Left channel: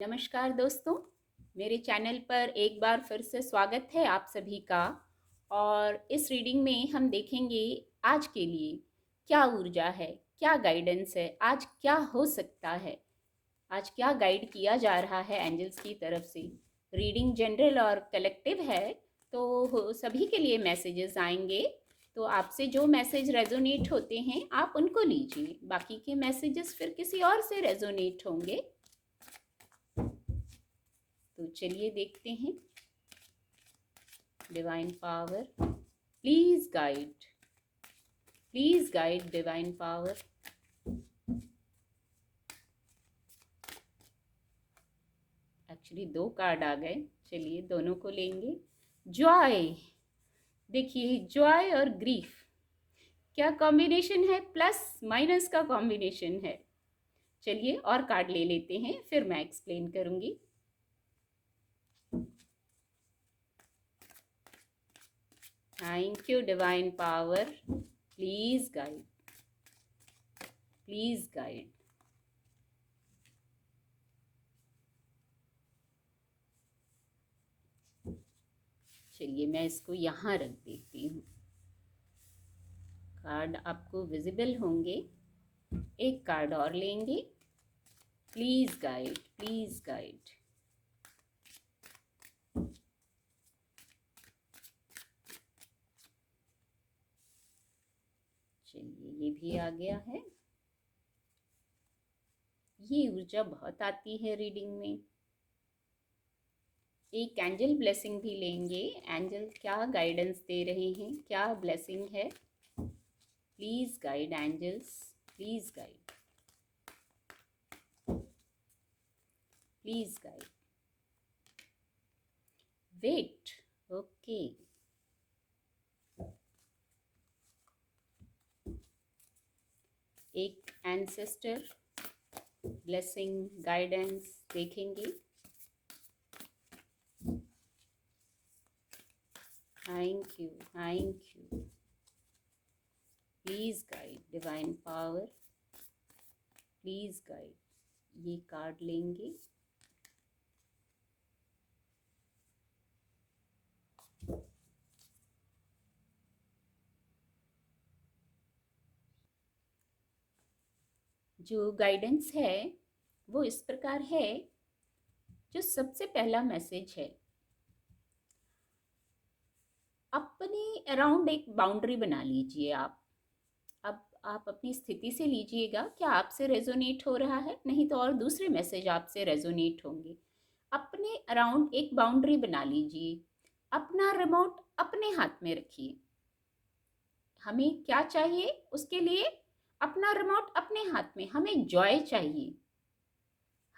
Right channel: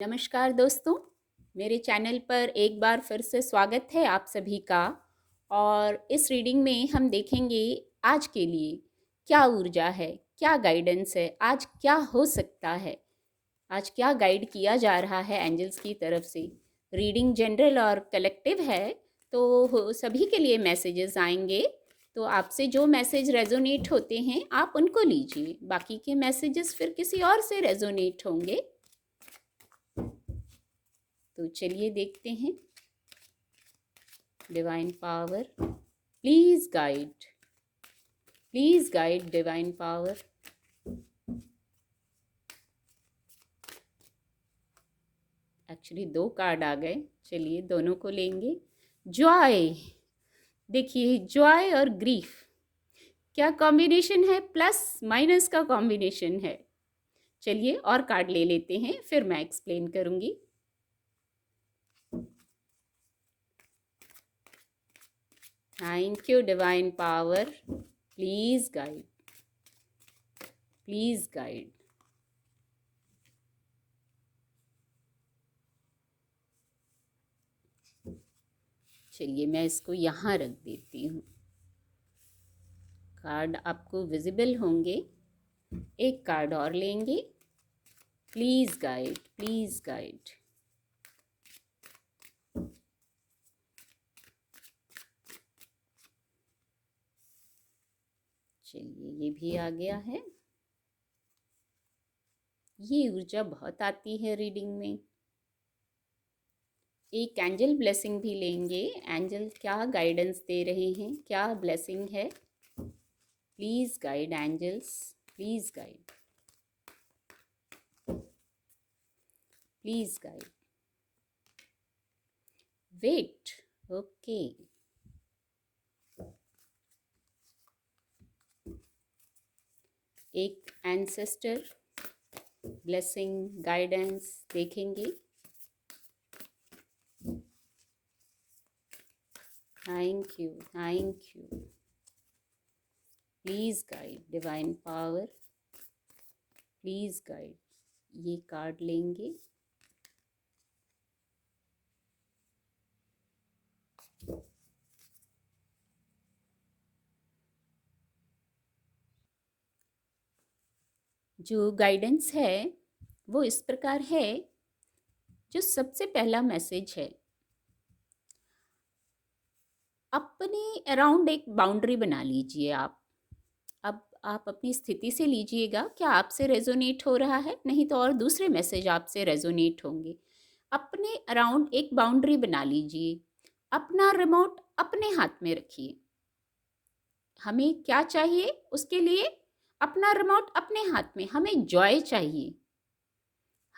नमस्कार दोस्तों, मेरे चैनल पर एक बार फिर से स्वागत है आप सभी का। और इस रीडिंग में हम देखेंगे आज के लिए क्या ऊर्जा है, क्या गाइडेंस है, आज क्या हो सकता है, आज क्या गाइड किया जा रहा है एंजल्स की तरफ से। रीडिंग जनरल और कलेक्टिव है, तो सभी के लिए मैसेजेस आएंगे। तो आपसे जो मैसेज रेजोनेट होते हैं आप उनको लीजिए, बाकी के मैसेजेस फिर किसी और से रेजोनेट होंगे। तो चलिए देखते हैं। Divine power, please guide divine power. Actually दो कार्ड आ गए, चलिए दोनों को लेंगे। जॉय, देखिए जॉय और ग्रीफ क्या कॉम्बिनेशन है, प्लस माइनस का कॉम्बिनेशन है। चलिए और कार्ड ले लेते हैं, फिर मैं एक्सप्लेन करूंगी। Thank you divine power, please guide, please guide. चलिए मैं इसको यहाँ रख देती हूँ। कार्ड आपको विजिबल होंगे। एक कार्ड और लेंगे। Please guide, please guide. चलिए ये भी आ गया है। ये ऊर्जा बहुत आती है रीडिंग में। एक एंजल ब्लेसिंग भी लेंगे। एंजल क्या गाइडेंस दे रहे हैं, क्या ब्लेसिंग है। Please guide angels, please guide, please guide. Wait, okay. एक एंसेस्टर ब्लेसिंग गाइडेंस देखेंगे। Thank you, thank you. Please guide divine power, please guide. ये कार्ड लेंगे। जो गाइडेंस है वो इस प्रकार है। जो सबसे पहला मैसेज है, अपने अराउंड एक बाउंड्री बना लीजिए। अब आप अपनी स्थिति से लीजिएगा, क्या आपसे रेजोनेट हो रहा है, नहीं तो और दूसरे मैसेज आपसे रेजोनेट होंगे। अपने अराउंड एक बाउंड्री बना लीजिए। अपना रिमोट अपने हाथ में रखिए। हमें क्या चाहिए उसके लिए, अपना रिमोट अपने हाथ में। हमें जॉय चाहिए,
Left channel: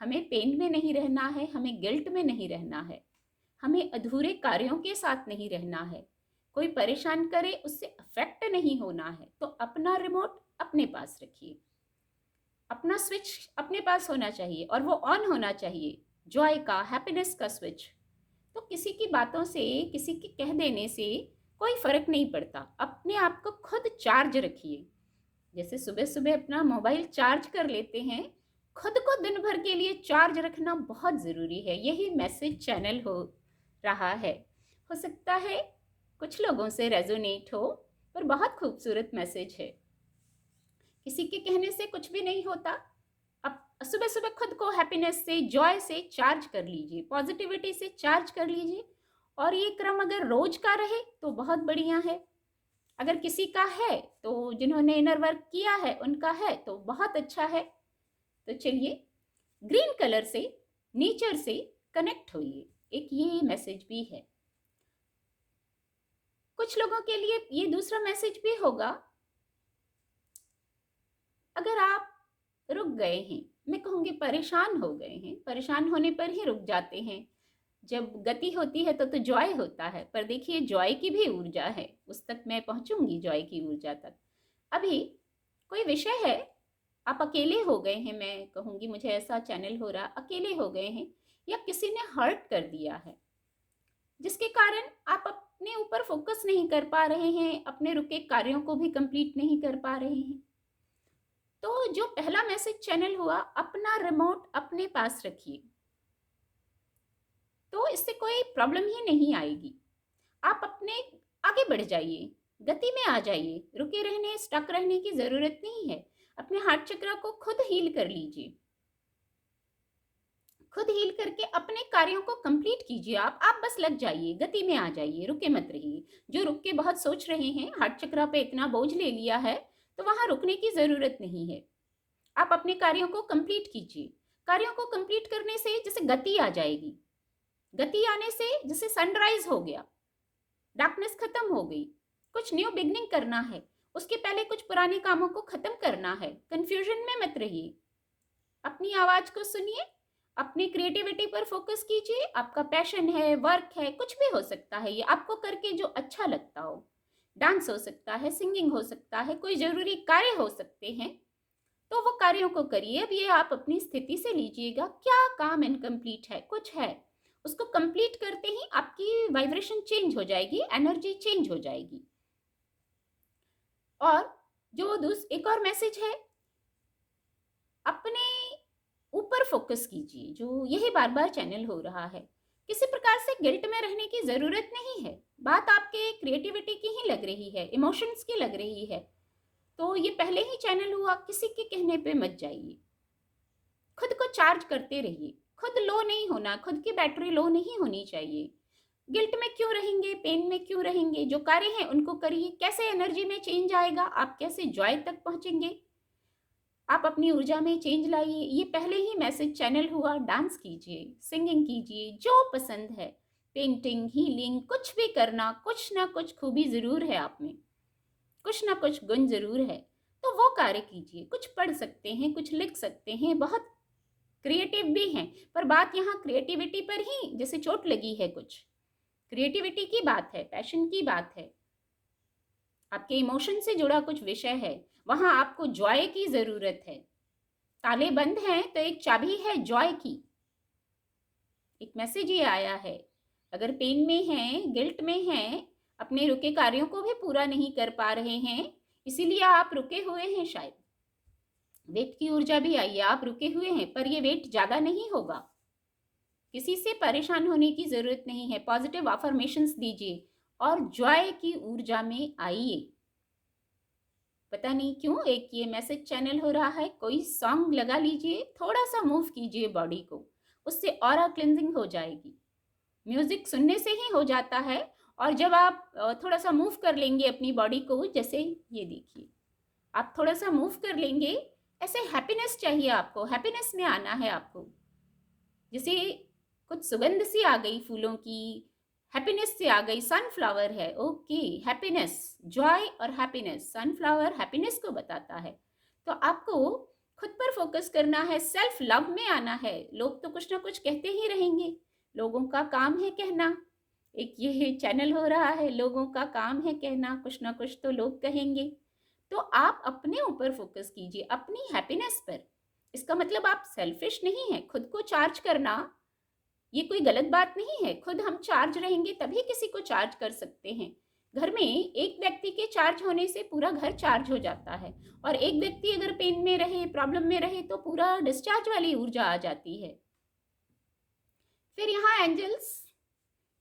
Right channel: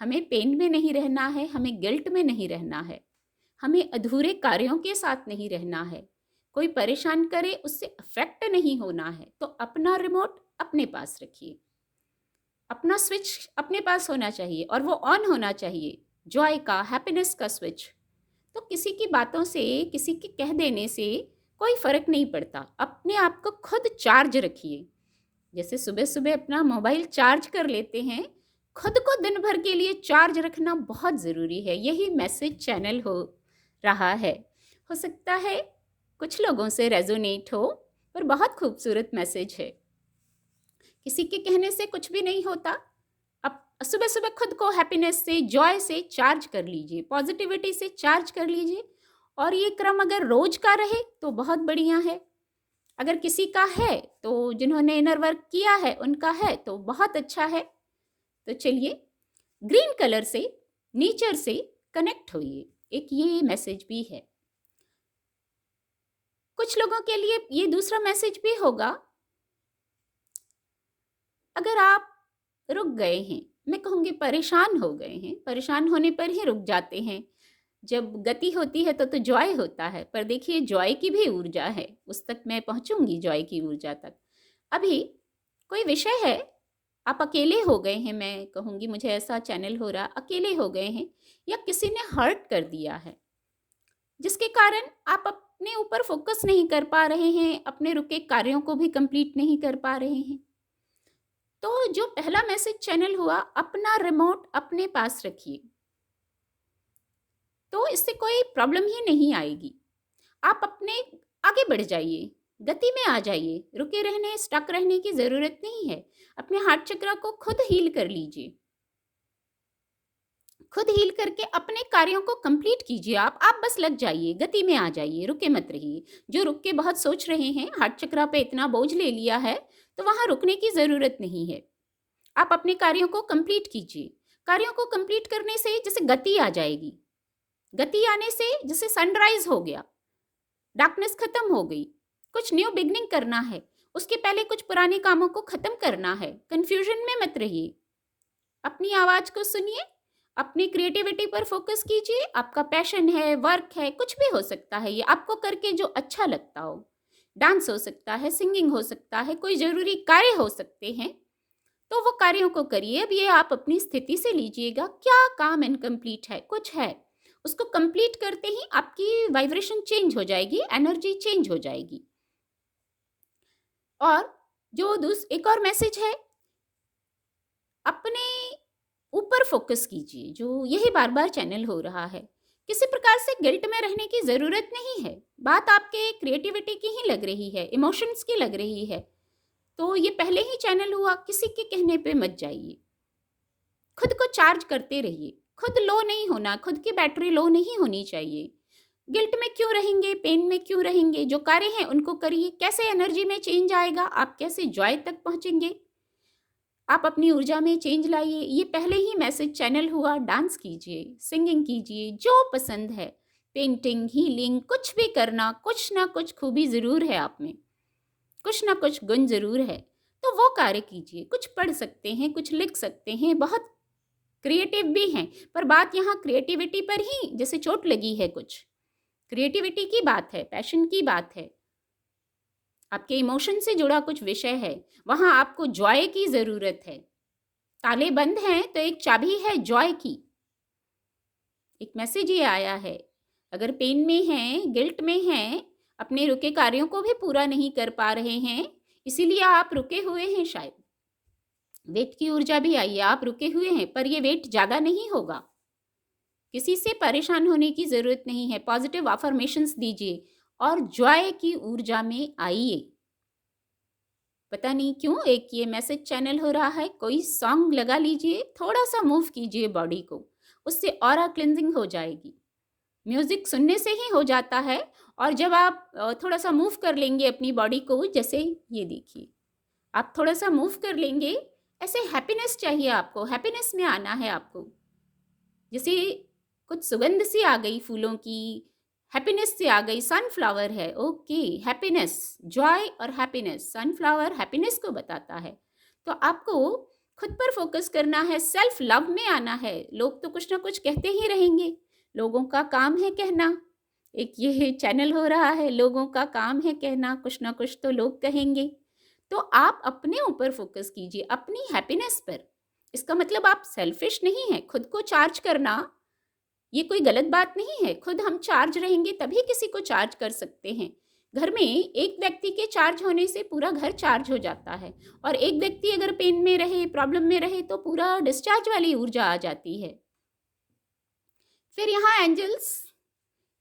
हमें पेन में नहीं रहना है, हमें गिल्ट में नहीं रहना है, हमें अधूरे कार्यों के साथ नहीं रहना है, कोई परेशान करे उससे अफेक्ट नहीं होना है। तो अपना रिमोट अपने पास रखिए, अपना स्विच अपने पास होना चाहिए और वो ऑन होना चाहिए, जॉय का, हैप्पीनेस का स्विच। तो किसी की बातों से, किसी के कह देने से कोई फर्क नहीं पड़ता। अपने आप को खुद चार्ज रखिए। जैसे सुबह सुबह अपना मोबाइल चार्ज कर लेते हैं, खुद को दिन भर के लिए चार्ज रखना बहुत ज़रूरी है। यही मैसेज चैनल हो रहा है। हो सकता है कुछ लोगों से रेजोनेट हो, पर बहुत खूबसूरत मैसेज है। किसी के कहने से कुछ भी नहीं होता। अब सुबह सुबह खुद को हैप्पीनेस से, जॉय से चार्ज कर लीजिए, पॉजिटिविटी से चार्ज कर लीजिए। और ये क्रम अगर रोज का रहे तो बहुत बढ़िया है। अगर किसी का है तो, जिन्होंने इनर वर्क किया है उनका है तो बहुत अच्छा है। तो चलिए ग्रीन कलर से, नेचर से कनेक्ट होइए, एक ये मैसेज भी है। कुछ लोगों के लिए ये दूसरा मैसेज भी होगा। अगर आप रुक गए हैं, मैं कहूँगी परेशान हो गए हैं, परेशान होने पर ही रुक जाते हैं। जब गति होती है तो जॉय होता है, पर देखिए जॉय की भी ऊर्जा है, उस तक मैं पहुँचूंगी, जॉय की ऊर्जा तक। अभी कोई विषय है, आप अकेले हो गए हैं, मैं कहूँगी मुझे ऐसा चैनल हो रहा, अकेले हो गए हैं या किसी ने हर्ट कर दिया है, जिसके कारण आप अपने ऊपर फोकस नहीं कर पा रहे हैं, अपने रुके कार्यों को भी कंप्लीट नहीं कर पा रहे हैं। तो जो पहला मैसेज चैनल हुआ, अपना रिमोट अपने पास रखिए। तो इससे कोई प्रॉब्लम ही नहीं आएगी। आप अपने आगे बढ़ जाइए, गति में आ जाइए, रुके रहने, स्टक रहने की ज़रूरत नहीं है। अपने हार्ट चक्र को खुद हील कर लीजिए। खुद हील करके अपने कार्यों को कंप्लीट कीजिए। आप बस लग जाइए, गति में आ जाइए, रुके मत रहिए। जो रुक के बहुत सोच रहे हैं, हार्ट चक्र पे इतना बोझ ले लिया है, तो वहाँ रुकने की ज़रूरत नहीं है। आप अपने कार्यों को कंप्लीट कीजिए। कार्यों को कंप्लीट करने से जैसे गति आ जाएगी। गति आने से जैसे सनराइज हो गया, डार्कनेस खत्म हो गई। कुछ न्यू बिगनिंग करना है, उसके पहले कुछ पुराने कामों को खत्म करना है। कंफ्यूजन में मत रहिए, अपनी आवाज को सुनिए, अपनी क्रिएटिविटी पर फोकस कीजिए। आपका पैशन है, वर्क है, कुछ भी हो सकता है, ये आपको करके जो अच्छा लगता हो। डांस हो सकता है, सिंगिंग हो सकता है, कोई जरूरी कार्य हो सकते हैं, तो वो कार्यों को करिए। अब ये आप अपनी स्थिति से लीजिएगा, क्या काम इनकम्प्लीट है, कुछ है, उसको कंप्लीट करते ही आपकी वाइब्रेशन चेंज हो जाएगी, एनर्जी चेंज हो जाएगी। और जो एक और मैसेज है, अपने ऊपर फोकस कीजिए। जो यही बार बार चैनल हो रहा है, किसी प्रकार से गिल्ट में रहने की ज़रूरत नहीं है। बात आपके क्रिएटिविटी की ही लग रही है, इमोशंस की लग रही है, तो ये पहले ही चैनल हुआ, किसी के कहने पे मत जाइए। खुद को चार्ज करते रहिए। खुद लो नहीं होना, खुद की बैटरी लो नहीं होनी चाहिए। गिल्ट में क्यों रहेंगे, पेन में क्यों रहेंगे? जो कार्य हैं उनको करिए। कैसे एनर्जी में चेंज आएगा, आप कैसे जॉय तक पहुंचेंगे? आप अपनी ऊर्जा में चेंज लाइए। ये पहले ही मैसेज चैनल हुआ। डांस कीजिए, सिंगिंग कीजिए, जो पसंद है, पेंटिंग, हीलिंग, कुछ भी करना, कुछ ना कुछ खूबी ज़रूर है आप में, कुछ ना कुछ गुण ज़रूर है, तो वो कार्य कीजिए। कुछ पढ़ सकते हैं, कुछ लिख सकते हैं, बहुत क्रिएटिव भी हैं। पर बात यहाँ क्रिएटिविटी पर ही जैसे चोट लगी है, कुछ क्रिएटिविटी की बात है, पैशन की बात है, आपके इमोशन से जुड़ा कुछ विषय है, वहाँ आपको जॉय की ज़रूरत है। ताले बंद हैं तो एक चाबी है जॉय की। एक मैसेज ये आया है, अगर पेन में हैं, गिल्ट में हैं, अपने रुके कार्यों को भी पूरा नहीं कर पा रहे हैं, इसीलिए आप रुके हुए हैं। शायद वेट की ऊर्जा भी आई है, आप रुके हुए हैं, पर ये वेट ज़्यादा नहीं होगा। किसी से परेशान होने की ज़रूरत नहीं है। पॉजिटिव अफर्मेशंस दीजिए और जॉय की ऊर्जा में आइए। पता नहीं क्यों एक ये मैसेज चैनल हो रहा है, कोई सॉन्ग लगा लीजिए, थोड़ा सा मूव कीजिए बॉडी को, उससे ऑरा क्लिनजिंग हो जाएगी। म्यूज़िक सुनने से ही हो जाता है। और जब आप थोड़ा सा मूव कर लेंगे अपनी बॉडी को, जैसे ये देखिए, आप थोड़ा सा मूव कर लेंगे, ऐसे हैप्पीनेस चाहिए आपको, हैप्पीनेस में आना है आपको। जैसे कुछ सुगंध सी आ गई फूलों की, हैप्पीनेस से आ गई, सनफ्लावर है, ओके, हैप्पीनेस, जॉय और हैप्पीनेस, सनफ्लावर हैप्पीनेस को बताता है। तो आपको खुद पर फोकस करना है, सेल्फ लव में आना है। लोग तो कुछ ना कुछ कहते ही रहेंगे, लोगों का काम है कहना। एक ये चैनल हो रहा है, लोगों का काम है कहना, कुछ ना कुछ तो लोग कहेंगे। तो आप अपने ऊपर फोकस कीजिए, अपनी हैप्पीनेस पर। इसका मतलब आप सेल्फिश नहीं है। खुद को चार्ज करना ये कोई गलत बात नहीं है। खुद हम चार्ज रहेंगे तभी किसी को चार्ज कर सकते हैं। घर में एक व्यक्ति के चार्ज होने से पूरा घर चार्ज हो जाता है, और एक व्यक्ति अगर पेन में रहे, प्रॉब्लम में रहे, तो पूरा डिस्चार्ज वाली ऊर्जा आ जाती है। फिर यहाँ एंजल्स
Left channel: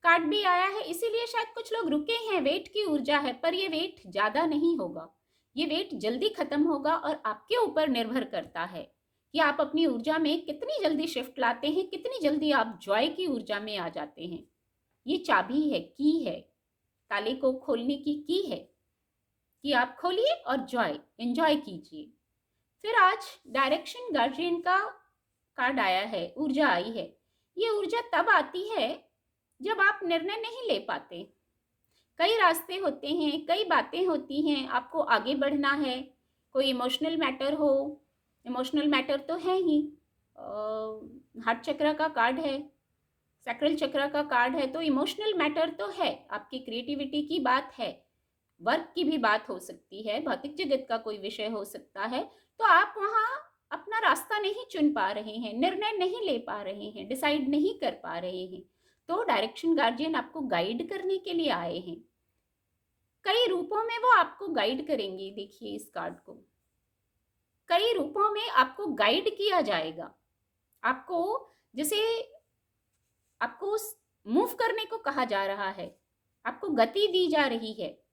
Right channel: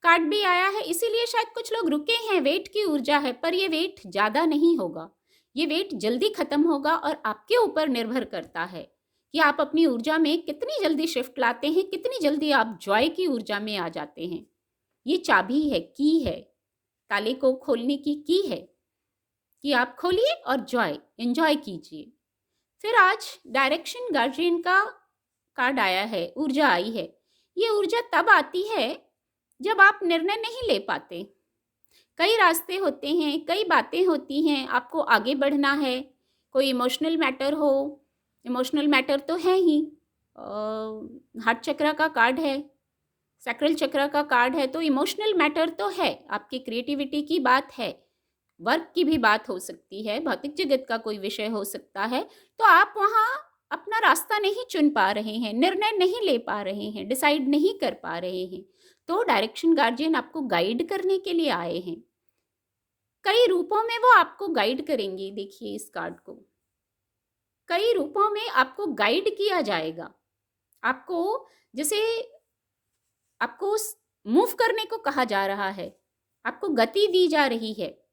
कार्ड भी आया है, इसीलिए शायद कुछ लोग रुके हैं। वेट की ऊर्जा है, पर ये वेट ज़्यादा नहीं होगा, ये वेट जल्दी खत्म होगा। और आपके ऊपर निर्भर करता है कि आप अपनी ऊर्जा में कितनी जल्दी शिफ्ट लाते हैं, कितनी जल्दी आप जॉय की ऊर्जा में आ जाते हैं। ये चाबी है, की है, ताले को खोलने की है कि आप खोलिए और जॉय एंजॉय कीजिए। फिर आज डायरेक्शन गार्जियन का कार्ड आया है, ऊर्जा आई है। ये ऊर्जा तब आती है जब आप निर्णय नहीं ले पाते। कई रास्ते होते हैं, कई बातें होती हैं, आपको आगे बढ़ना है। कोई इमोशनल मैटर हो, इमोशनल मैटर तो है ही, हार्ट चक्र का कार्ड है, सैक्रल चक्र का कार्ड है, तो इमोशनल मैटर तो है। आपकी क्रिएटिविटी की बात है, वर्क की भी बात हो सकती है, भौतिक जगत का कोई विषय हो सकता है। तो आप वहाँ अपना रास्ता नहीं चुन पा रहे हैं, निर्णय नहीं ले पा रहे हैं, डिसाइड नहीं कर पा रहे हैं। तो डायरेक्शन गार्जियन आपको गाइड करने के लिए आए हैं। कई रूपों में वो आपको गाइड करेंगे। देखिए इस कार्ड को, कई रूपों में आपको गाइड किया जाएगा। आपको जैसे आपको आपको मूव करने को कहा जा रहा है, आपको गति दी जा रही है।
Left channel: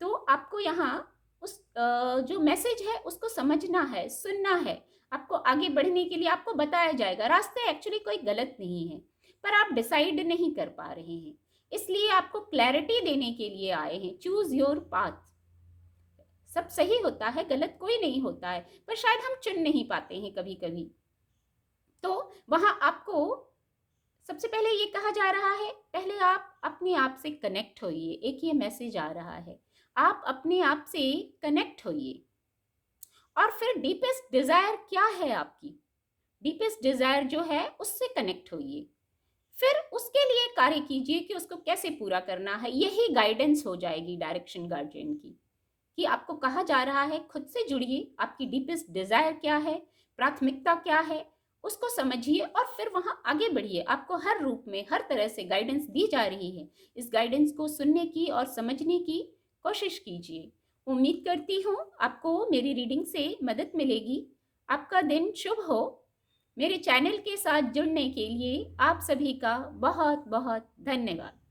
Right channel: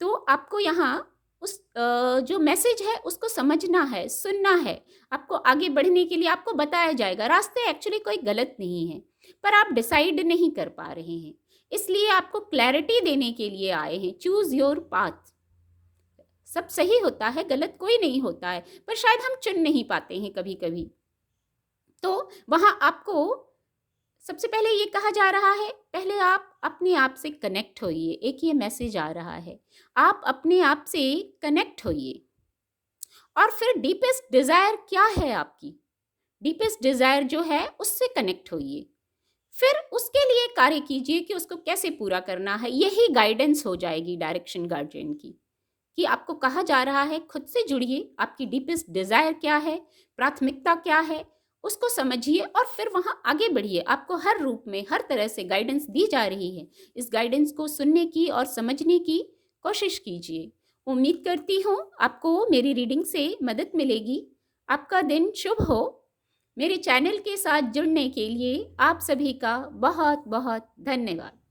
तो आपको यहाँ उस जो मैसेज है उसको समझना है, सुनना है। आपको आगे बढ़ने के लिए आपको बताया जाएगा। रास्ते एक्चुअली कोई गलत नहीं है, पर आप डिसाइड नहीं कर पा रहे हैं। इसलिए आपको क्लैरिटी देने के लिए आए हैं। Choose your path. सब सही होता है, गलत कोई नहीं होता है, पर शायद हम चुन नहीं पाते हैं कभी-कभी। तो वहाँ आपको सबसे पहले ये कहा जा रहा है, पहले आप अपने आप से कनेक्ट होइए। एक ये मैसेज आ रहा है, आप अपने आप से कनेक्ट होइए। और फिर डीपेस्ट डिज़ायर क्या है आपकी? डीपेस्ट डिज़ायर जो है उससे कनेक्ट होइए। फिर उसके लिए कार्य कीजिए कि उसको कैसे पूरा करना है। यही गाइडेंस हो जाएगी डायरेक्शन गार्जियन की, कि आपको कहा जा रहा है खुद से जुड़िए, आपकी डीपेस्ट डिज़ायर क्या है, प्राथमिकता क्या है, उसको समझिए और फिर वहाँ आगे बढ़िए। आपको हर रूप में, हर तरह से गाइडेंस दी जा रही है। इस गाइडेंस को सुनने की और समझने की कोशिश कीजिए। उम्मीद करती हूँ आपको मेरी रीडिंग से मदद मिलेगी। आपका दिन शुभ हो। मेरे चैनल के साथ जुड़ने के लिए आप सभी का बहुत बहुत धन्यवाद।